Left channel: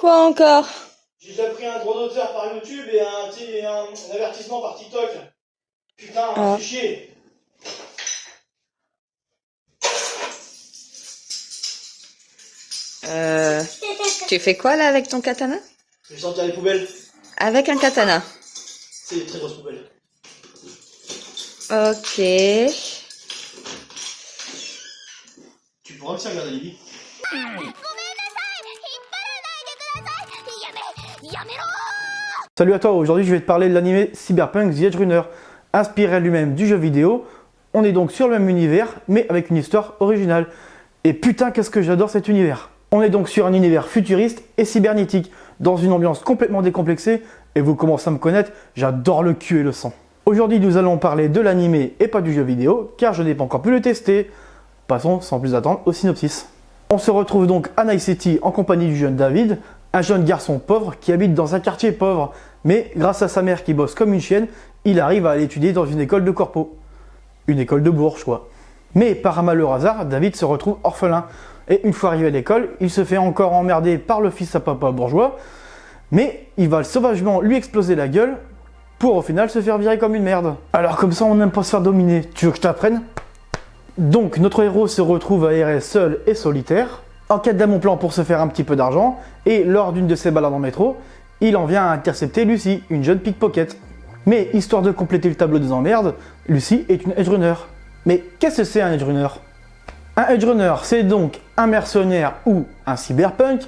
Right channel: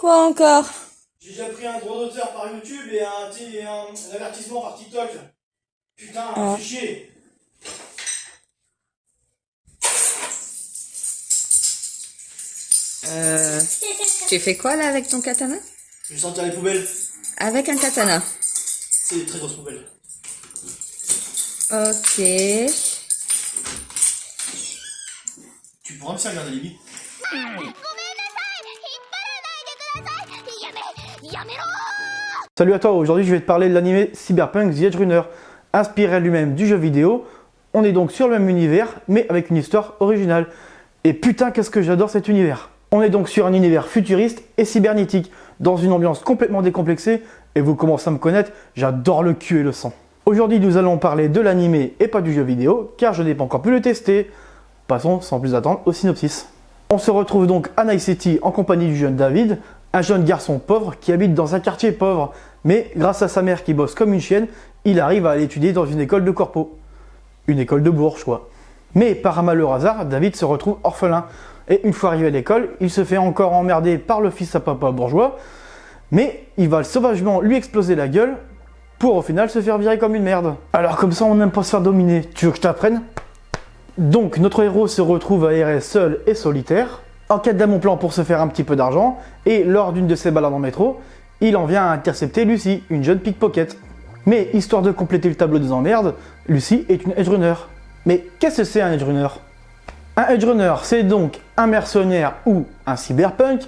Quoi encore? J'ai déjà pris un droit d'auteur par YouTube et un avertissement par TikTok. Putain, c'est chier. Tu fais quoi là avec ton katana? Je vais sortir les poubelles. Avec un katana. C'est des très grosses poubelles. Ok. Tu pourras aussi regarder Lily. Salut à toi, aujourd'hui je vais te parler de l'anime Cyberpunk The Edge Runner. Inspiré lui-même du jeu vidéo, on est donc sur le même univers, mais avec une histoire originale. Et putain qu'est-ce que j'adore cet univers. On est donc sur un univers futuriste et cybernétique, dans une ambiance complètement décomplexée, et vous commencez à me connaître, j'adore le cul et le sang. Aujourd'hui nous allons parler de l'anime et pas du jeu vidéo, car je n'ai pas encore pu le tester. Passons sans plus attendre au synopsis. On se retrouve donc à Night City en compagnie du jeune David, un jeune garçon pauvre qui habite dans un quartier pauvre, mais grâce à sa mère qui bosse comme une chienne, il arrive à aller étudier dans une école de corpo. Une école de bourge quoi. Mais par un malheur hasard, David se retrouve orphelin, et une fois arrivé à l'école, il se fait encore emmerder par le fils à papa bourgeois, mais il va sauvagement lui exploser la gueule, pour au final se faire virer comme une merde. Alors comme ça on n'aime pas se faire dominer, tu veux que je t'apprenne ? Donc notre héros se retrouve à errer seul et solitaire, en quête d'un bon plan pour se faire un petit peu d'argent, et lors d'une de ses balades en métro, il en vient à intercepter Lucy, une jeune pickpocket. Mais histoire de compléter le tableau des emmerdes, Lucy est une edgerunner. Mais qu'est-ce que c'est un edgerunner ? Un edgerunner, c'est donc un mercenaire ou un cyberpunk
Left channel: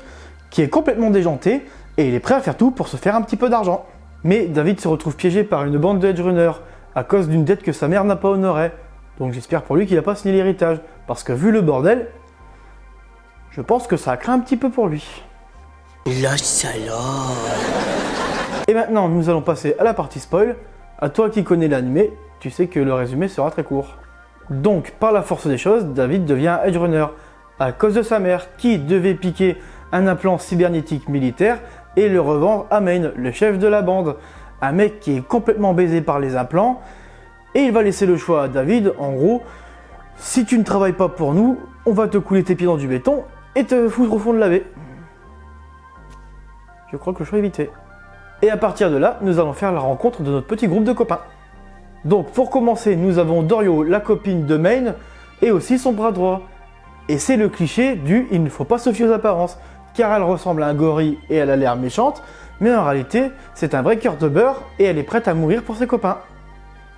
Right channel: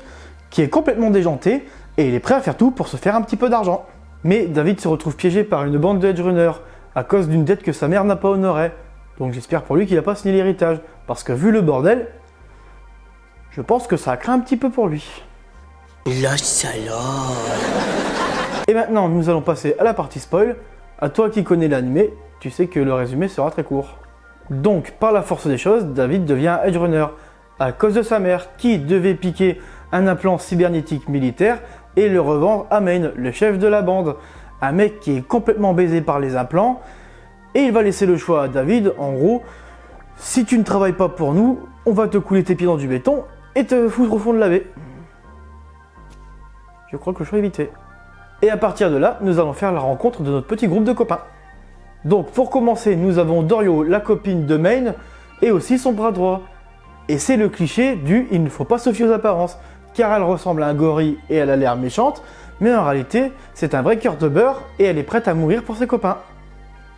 qui est complètement déjanté et il est prêt à faire tout pour se faire un petit peu d'argent. Mais David se retrouve piégé par une bande de edgerunners à cause d'une dette que sa mère n'a pas honorée. Donc j'espère pour lui qu'il n'a pas signé l'héritage, parce que vu le bordel, je pense que ça a craint un petit peu pour lui. La salope. Et maintenant, nous allons passer à la partie spoil. À toi qui connais l'anime, tu sais que le résumé sera très court. Donc, par la force des choses, David devient edgerunner à cause de sa mère qui devait piquer un implant cybernétique militaire et le revendre à Maine, le chef de la bande. Un mec qui est complètement baisé par les implants. Et il va laisser le choix à David, en gros, si tu ne travailles pas pour nous, on va te couler tes pieds dans du béton et te foutre au fond de la baie. Je crois que le choix est vite fait. Et à partir de là, nous allons faire la rencontre de notre petit groupe de copains. Donc pour commencer, nous avons Dorio, la copine de Maine, et aussi son bras droit. Et c'est le cliché du « il ne faut pas se fier aux apparences », car elle ressemble à un gorille et elle a l'air méchante, mais en réalité, c'est un vrai cœur de beurre et elle est prête à mourir pour ses copains.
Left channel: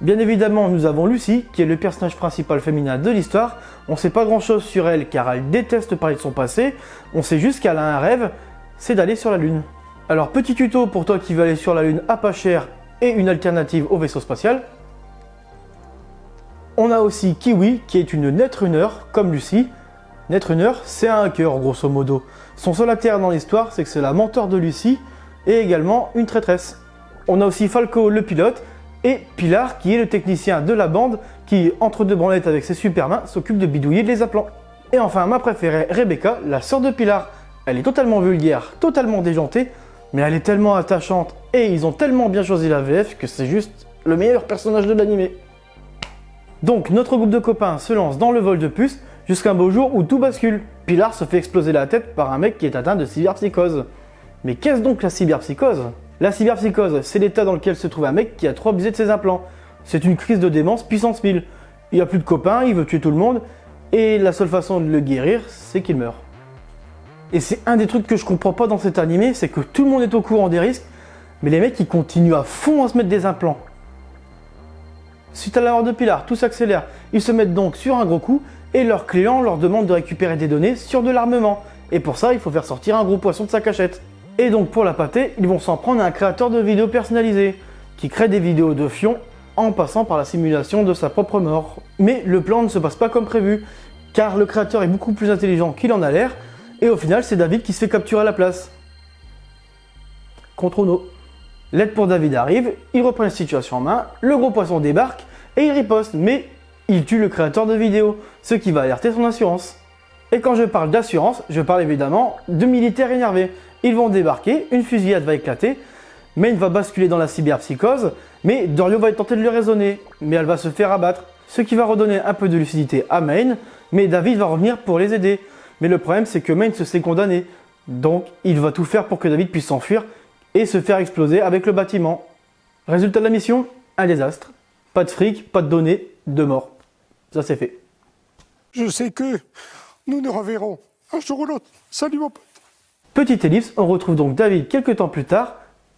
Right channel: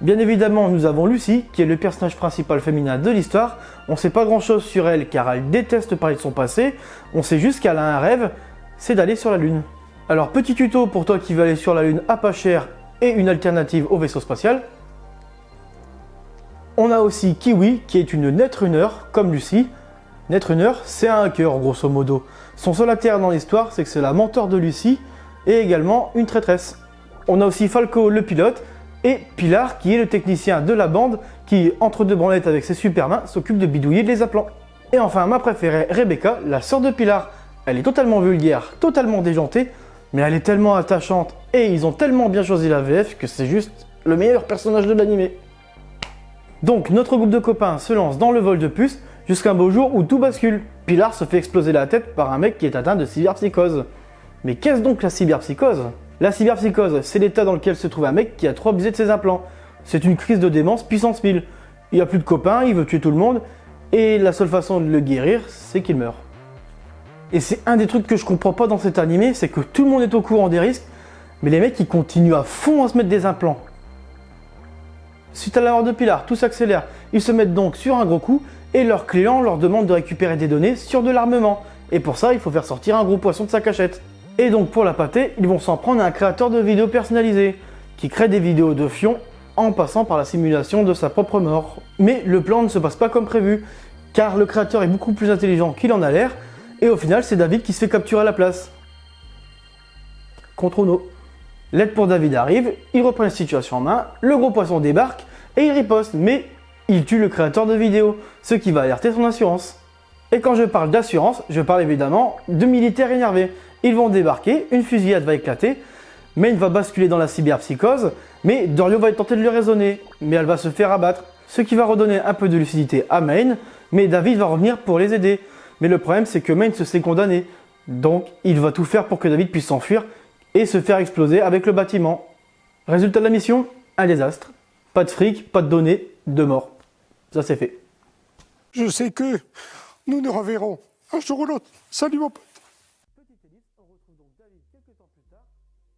Bien évidemment, nous avons Lucy, qui est le personnage principal féminin de l'histoire. On ne sait pas grand chose sur elle car elle déteste parler de son passé, on sait juste qu'elle a un rêve, c'est d'aller sur la Lune. Alors petit tuto pour toi qui veux aller sur la Lune à pas cher et une alternative au vaisseau spatial. On a aussi Kiwi qui est une netrunner comme Lucy. Netrunner c'est un hacker grosso modo. Son seul intérêt dans l'histoire c'est que c'est la mentor de Lucy et également une traîtresse. On a aussi Falco le pilote et Pilar qui est le technicien de la bande qui entre deux branlettes avec ses super mains s'occupe de bidouiller les implants. Et enfin ma préférée Rebecca, la sœur de Pilar. Elle est totalement vulgaire, totalement déjantée, mais elle est tellement attachante et ils ont tellement bien choisi la VF que c'est juste le meilleur personnage de l'anime. Donc notre groupe de copains se lance dans le vol de puces jusqu'à un beau jour où tout bascule. Pilar se fait exploser la tête par un mec qui est atteint de cyberpsychose. Mais qu'est-ce donc la cyberpsychose ? La cyberpsychose, c'est l'état dans lequel se trouve un mec qui a trop abusé de ses implants. C'est une crise de démence puissance 1000. Il a plus de copains, il veut tuer tout le monde, et la seule façon de le guérir, c'est qu'il meurt. Et c'est un des trucs que je comprends pas dans cet animé, c'est que tout le monde est au courant des risques, mais les mecs ils continuent à fond à se mettre des implants. Suite à la mort de Pilar, tout s'accélère. Ils se mettent donc sur un gros coup et leur client leur demande de récupérer des données sur de l'armement. Et pour ça, il faut faire sortir un gros poisson de sa cachette. Et donc pour la pâter, ils vont s'en prendre à un créateur de vidéos personnalisées, qui crée des vidéos de fion en passant par la simulation de sa propre mort. Mais le plan ne se passe pas comme prévu, car le créateur est beaucoup plus intelligent qu'il en a l'air, et au final c'est David qui se fait capturer à la place. Contre Ono. L'aide pour David arrive, il reprend la situation en main, le gros poisson débarque et il riposte, mais il tue le créateur de vidéos, ce qui va alerter son assurance. Et quand je parle d'assurance, je parle évidemment de militaires énervés. Ils vont débarquer, une fusillade va éclater, Maine va basculer dans la cyberpsychose, mais Dorio va tenter de le raisonner, mais elle va se faire abattre, ce qui va redonner un peu de lucidité à Maine, mais David va revenir pour les aider. Mais le problème c'est que Maine se sait condamné, Donc il va tout faire pour que David puisse s'enfuir et se faire exploser avec le bâtiment. Résultat de la mission, un désastre. Pas de fric, pas de données, 2 morts. Ça c'est fait. Je sais que nous nous reverrons un jour ou l'autre. Salut mon pote. Petite ellipse, on retrouve donc David quelques temps plus tard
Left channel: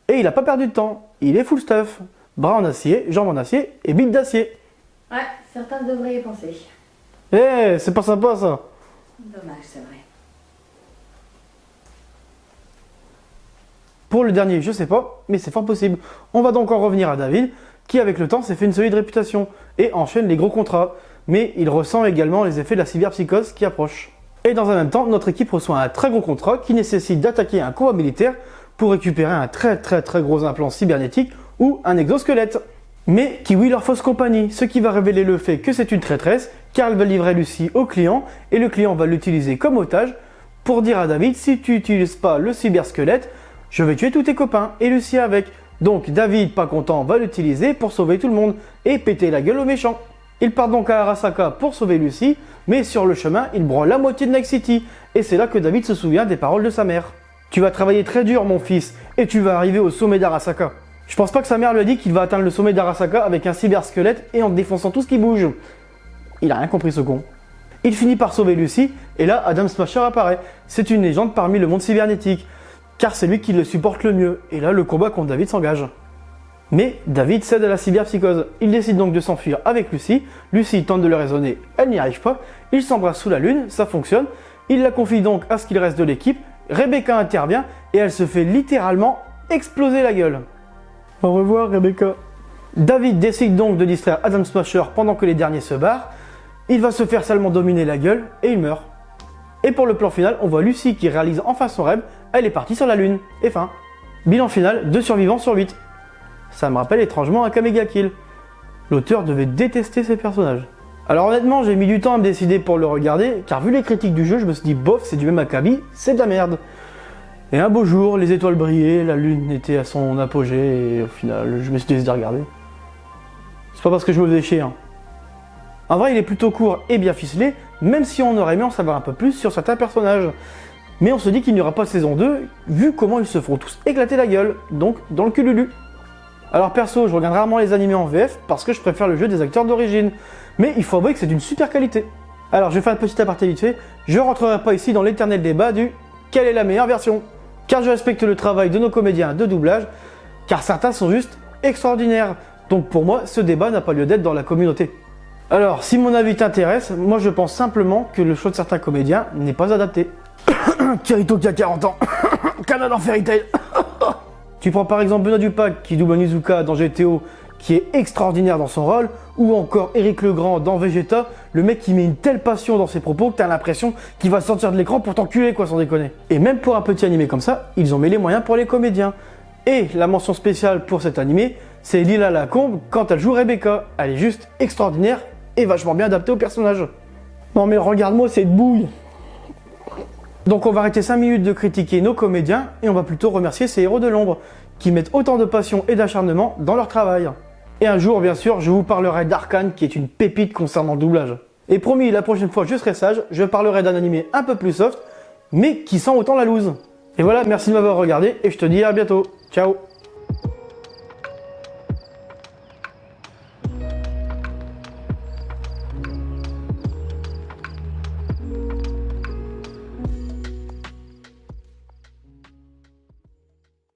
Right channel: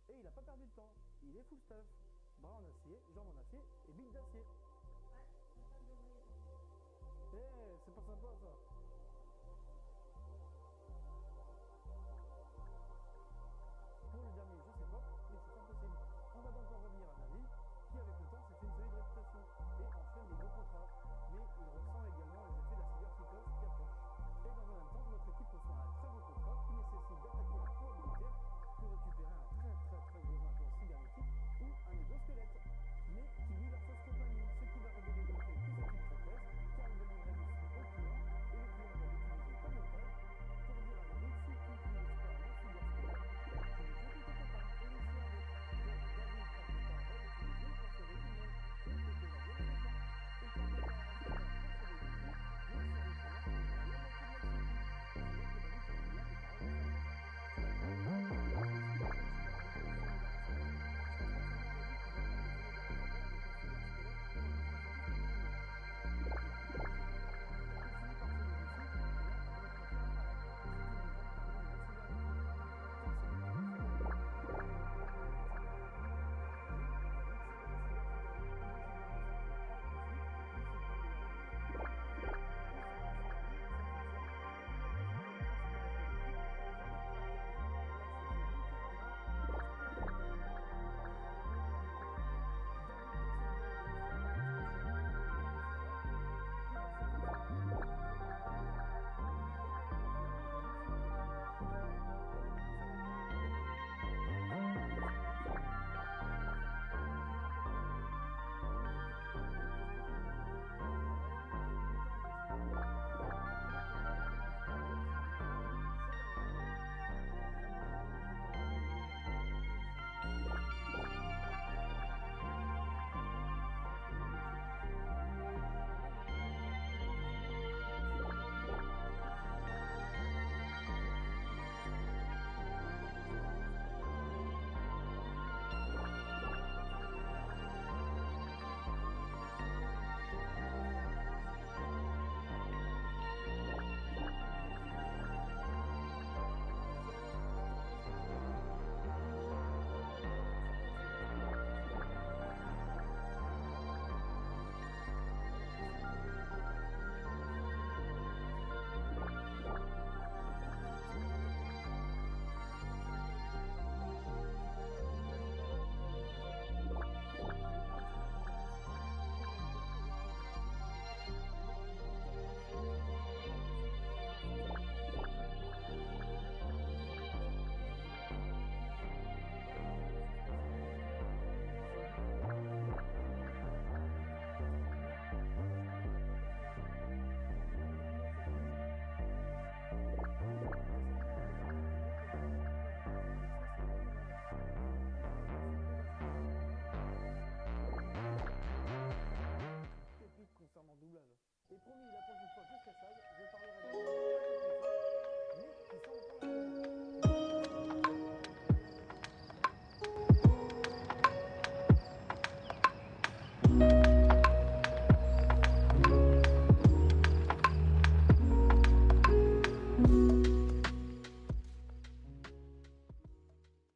et il n'a pas perdu de temps. Il est full stuff. Bras en acier, jambes en acier et bite d'acier. Ouais, certains devraient y penser. Eh, c'est pas sympa ça. Dommage, c'est vrai. Pour le dernier, je sais pas, mais c'est fort possible. On va donc en revenir à David, qui avec le temps s'est fait une solide réputation et enchaîne les gros contrats. Mais il ressent également les effets de la cyberpsychose qui approche. Et dans un même temps, notre équipe reçoit un très gros contrat qui nécessite d'attaquer un combat militaire pour récupérer un très gros implant cybernétique ou un exosquelette. Mais Kiwi leur fausse compagnie, ce qui va révéler le fait que c'est une traîtresse, car elle va livrer Lucy au client, et le client va l'utiliser comme otage pour dire à David, si tu n'utilises pas le cybersquelette, je vais tuer tous tes copains, et Lucy avec. Donc David, pas content, va l'utiliser pour sauver tout le monde, et péter la gueule aux méchants. Il part donc à Arasaka pour sauver Lucy, mais sur le chemin, il broie la moitié de Night City, et c'est là que David se souvient des paroles de sa mère. Tu vas travailler très dur mon fils, et tu vas arriver au sommet d'Arasaka. Je pense pas que sa mère lui a dit qu'il va atteindre le sommet d'Arasaka avec un cybersquelette et en défonçant tout ce qui bouge. Il a rien compris ce con. Il finit par sauver Lucy, et là Adam Smasher apparaît. C'est une légende parmi le monde cybernétique, car c'est lui qui le supporte le mieux, et là le combat contre David s'engage. Mais David cède à la cyberpsychose. Il décide donc de s'enfuir avec Lucy. Lucy tente de le raisonner, elle n'y arrive pas. Ils s'embrassent sous la lune, ça fonctionne. Il la confie donc à ce qu'il reste de l'équipe. Rebecca intervient et elle se fait littéralement exploser la gueule. Au revoir Rebecca. David décide donc de distraire Adam Smasher pendant que les derniers se barrent. Il va se faire salement dominer la gueule et il meurt. Et pour le plan final, on voit Lucy qui réalise enfin son rêve. Elle est partie sur la lune. Et fin. Bilan final, 2 survivants sur 8. Ça me rappelle étrangement un Kamega Kill. L'auteur devait détester ces personnages. Alors honnêtement, j'ai mis du temps à me décider pour le regarder, car vu les critiques du jeu, je me suis dit bof, c'est du même acabit, c'est de la merde. Et un beau jour, les étoiles brillaient, la lune était à son apogée, et au final, je me suis décidé de regarder. C'est pas parce que je me faisais chier, hein. En vrai, il est plutôt court et bien ficelé, même si on aurait aimé en savoir un peu plus sur certains personnages. Mais on se dit qu'il n'y aura pas de saison 2, vu comment ils se font tous éclater la gueule, donc dans le cululu. Alors perso, je regarde rarement les animés en VF parce que je préfère le jeu des acteurs d'origine. Mais il faut avouer que c'est d'une super qualité. Alors je vais faire un petit aparté vite fait, je rentrerai pas ici dans l'éternel débat du quelle est la meilleure version, car je respecte le travail de nos comédiens de doublage, car certains sont juste extraordinaires. Donc pour moi, ce débat n'a pas lieu d'être dans la communauté. Alors, si mon avis t'intéresse, moi je pense simplement que le choix de certains comédiens n'est pas adapté. Kirito qui a 40 ans, Canada en Fairy Tail. Tu prends par exemple Benoît Dupac qui double Onizuka dans GTO, qui est extraordinaire dans son rôle, ou encore Éric Legrand dans Vegeta, le mec qui met une telle passion dans ses propos que t'as l'impression qu'il va sortir de l'écran pour t'enculer quoi, sans déconner. Et même pour un petit animé comme ça, ils ont mis les moyens pour les comédiens. Et la mention spéciale pour cet animé, c'est Lila Lacombe quand elle joue Rebecca. Elle est juste extraordinaire et vachement bien adaptée au personnage. Non mais regarde-moi cette bouille. Donc on va arrêter 5 minutes de critiquer nos comédiens et on va plutôt remercier ces héros de l'ombre qui mettent autant de passion et d'acharnement dans leur travail. Et un jour, bien sûr, je vous parlerai d'Arcane qui est une pépite concernant le doublage. Et promis, la prochaine fois, je serai sage, je parlerai d'un animé un peu plus soft, mais qui sent autant la loose. Et voilà, merci de m'avoir regardé et je te dis à bientôt. Ciao.